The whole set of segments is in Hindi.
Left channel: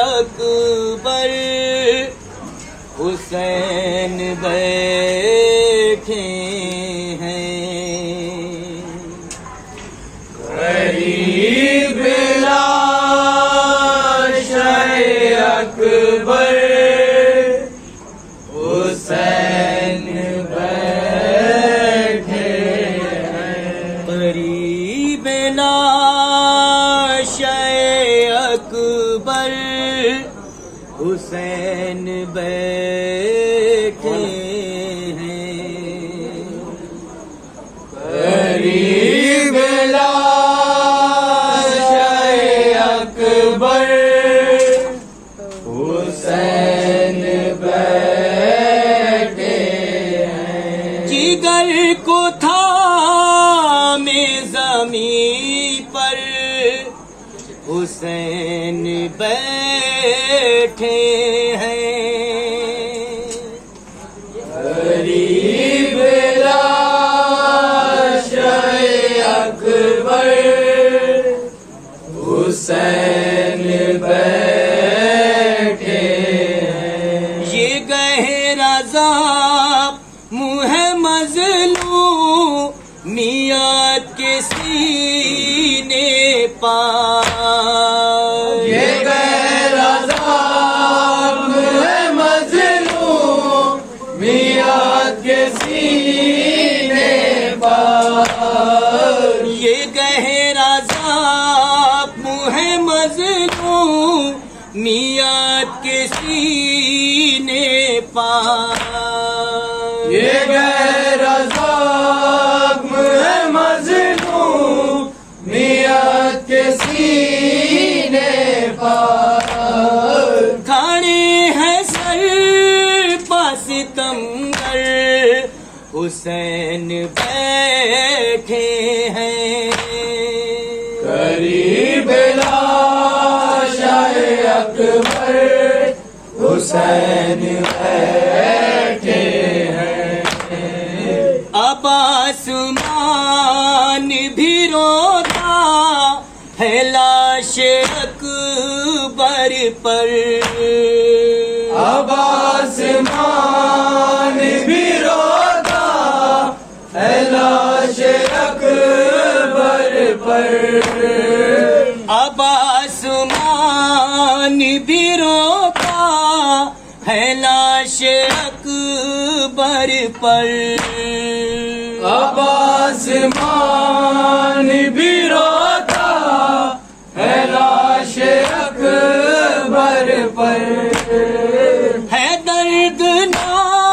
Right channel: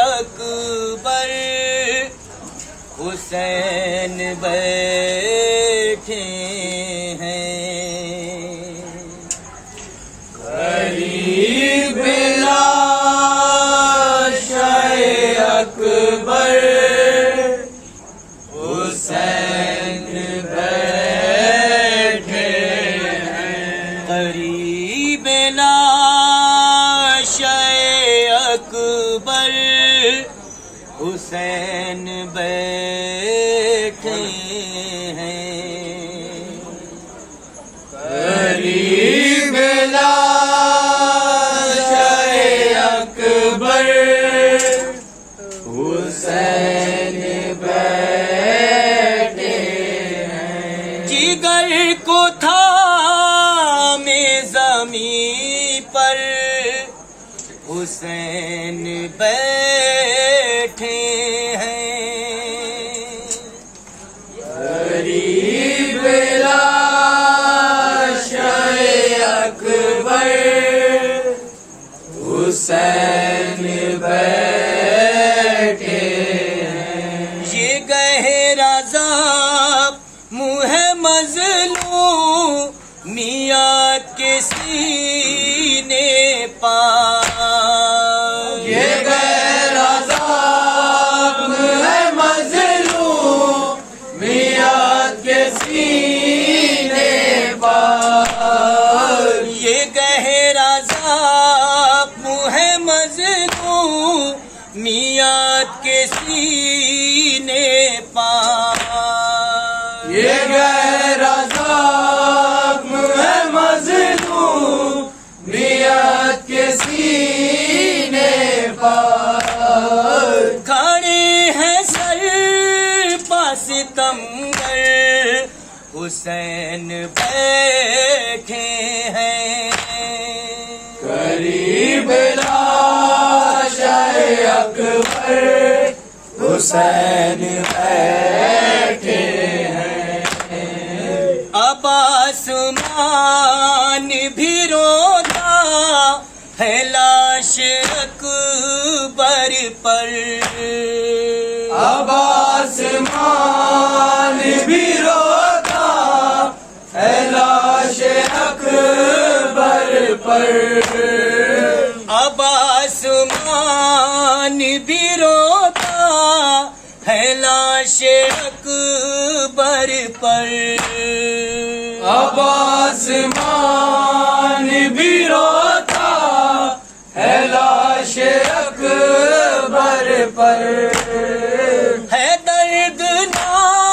अकबर हुसैन बैठे हैं। करीब लाश अकबर हुसैन बैठे हैं। करीब लाश अकबर हुसैन बैठे हैं। करीब लाश अकबर हुसैन बैठे हैं। जिगर को थामे ज़मीं पर हुसैन बैठे हैं। करीब लाश अकबर हुसैन बैठे हैं। ये गहरा ज़ाब मुँह मज़लूम मियाँ के सीने पार। ये गहरा ज़ाब है मज़लूम मियाँ के सीने पार। ये गहरा ज़ाब है मज़लूम मियाँ के सीने पार। ये गहरा ज़ाब है मज़लूम मियाँ के सीने पार। खड़े हैं सर पास सितमगर हुसैन बैठे हैं। करीब लाश अकबर हुसैन बैठे हैं। अब आसमान भी रोता है लाश अकबर पर। अब आसमान भी रोता है लाश अकबर पर। अब आसमान भी रोता है लाश अकबर पर। अब आसमान भी रोता है लाश अकबर पर। है दर्दनाक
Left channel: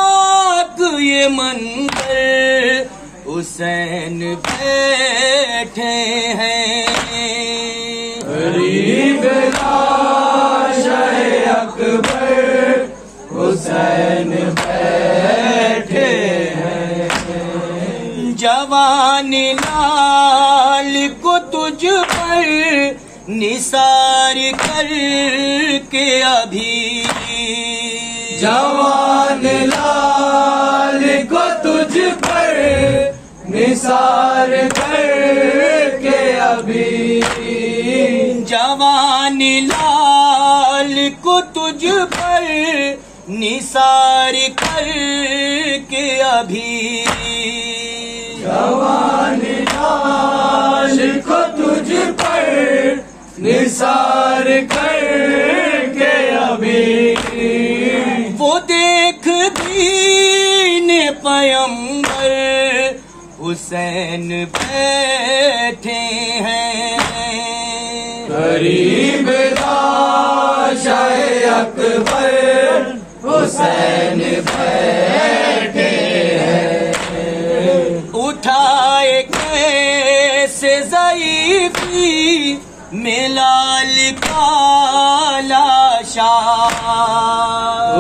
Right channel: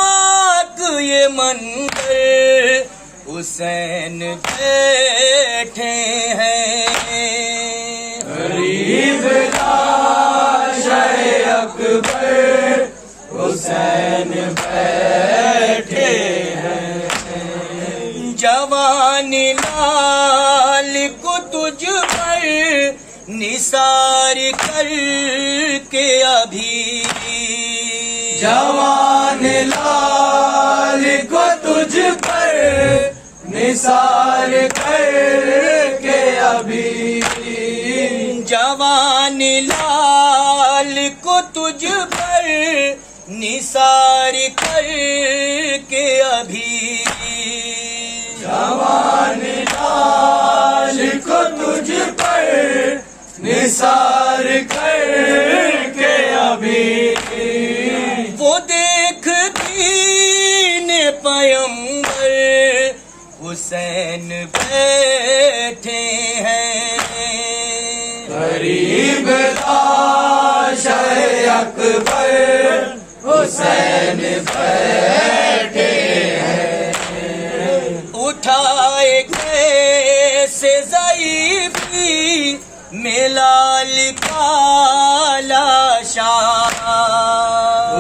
ये मंजर हुसैन बैठे हैं। करीब लाश अकबर हुसैन बैठे हैं। जवान लाल को तुझ पर निसार कर के अभी। जवान लाल को तुझ पर निसार करके अभी। जवान लाल को तुझ पर निसार कर के अभी। जवान लाल को तुझ पर निसार करके अभी। वो देख दीन पैगंबर हुसैन बैठे हैं। करीब लाश अकबर हुसैन बैठे हैं। उठाए कैसे ज़ईफ़ी में लाल का लाशा।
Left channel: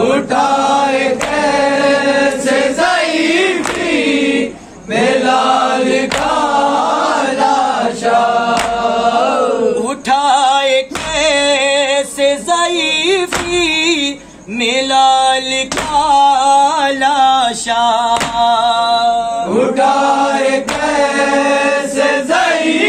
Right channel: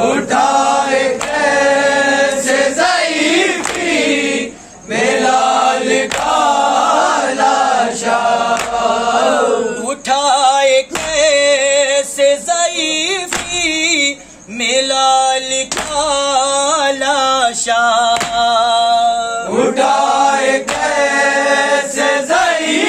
उठाए कैसे ज़ईफ़ी में लाल का लाशा। उठाए कैसे ज़ईफ़ी में लाल का लाशा। उठाए कैसे ज़ईफ़ी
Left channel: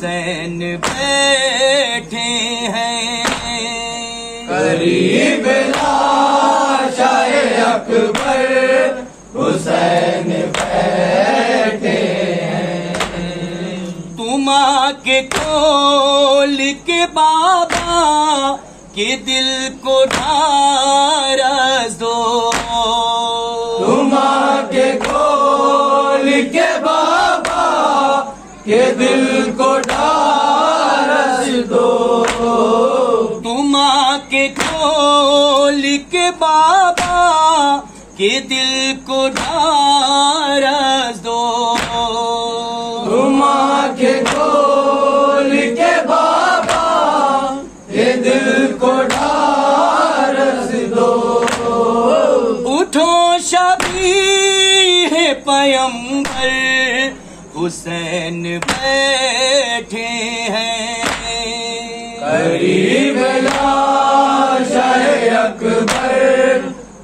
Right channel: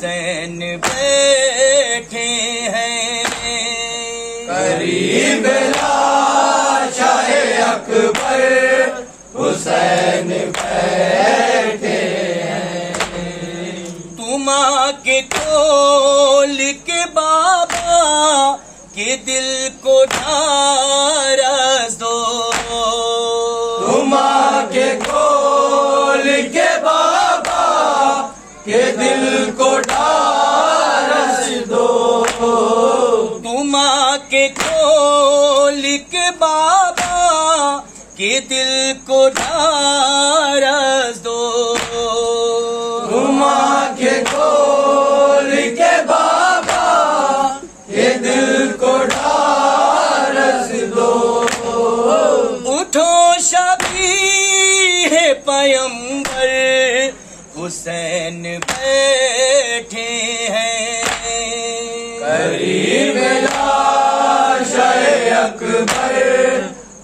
हुसैन बैठे हैं। करीब लाशाए अकबर हुसैन बैठे हैं। तुम आके खोल के बाबा के दिल को ढारस दो। तुम आके खोल के बाबा के दिल को ढारस दो। तुम आके खोल के बाबा के दिल को ढारस दो। तुम आके खोल के बाबा के दिल को ढारस दो। उठो शबीह पैगंबर हुसैन बैठे हैं। करीब लाशाए अकबर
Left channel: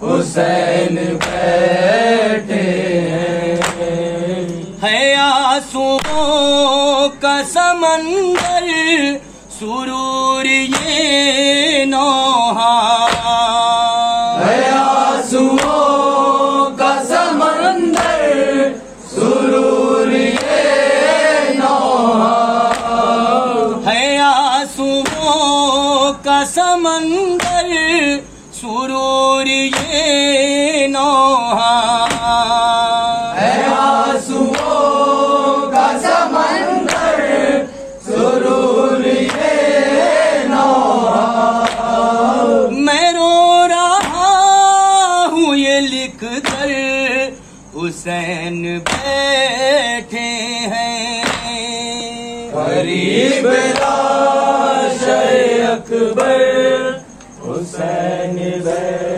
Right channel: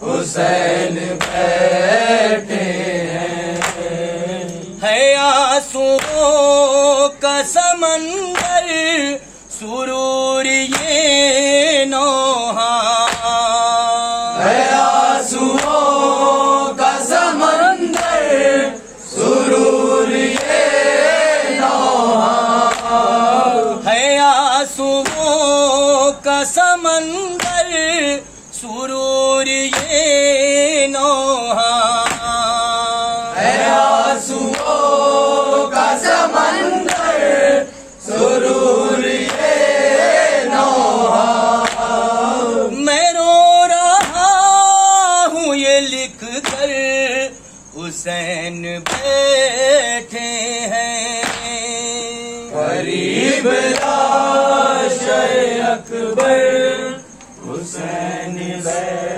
हुसैन बैठे हैं। है आंसुओं का समंदर सुरूर ये नौहा। है आंसुओं का समंदर सुरूर ये नौहा। है आंसुओं का समंदर सुरूर ये नौहा। है आंसुओं का समंदर सुरूर ये नौहा। मैं रो रहा हूँ ये लिख कर हुसैन बैठे हैं। करीब लाशाए अकबर हुसैन बैठे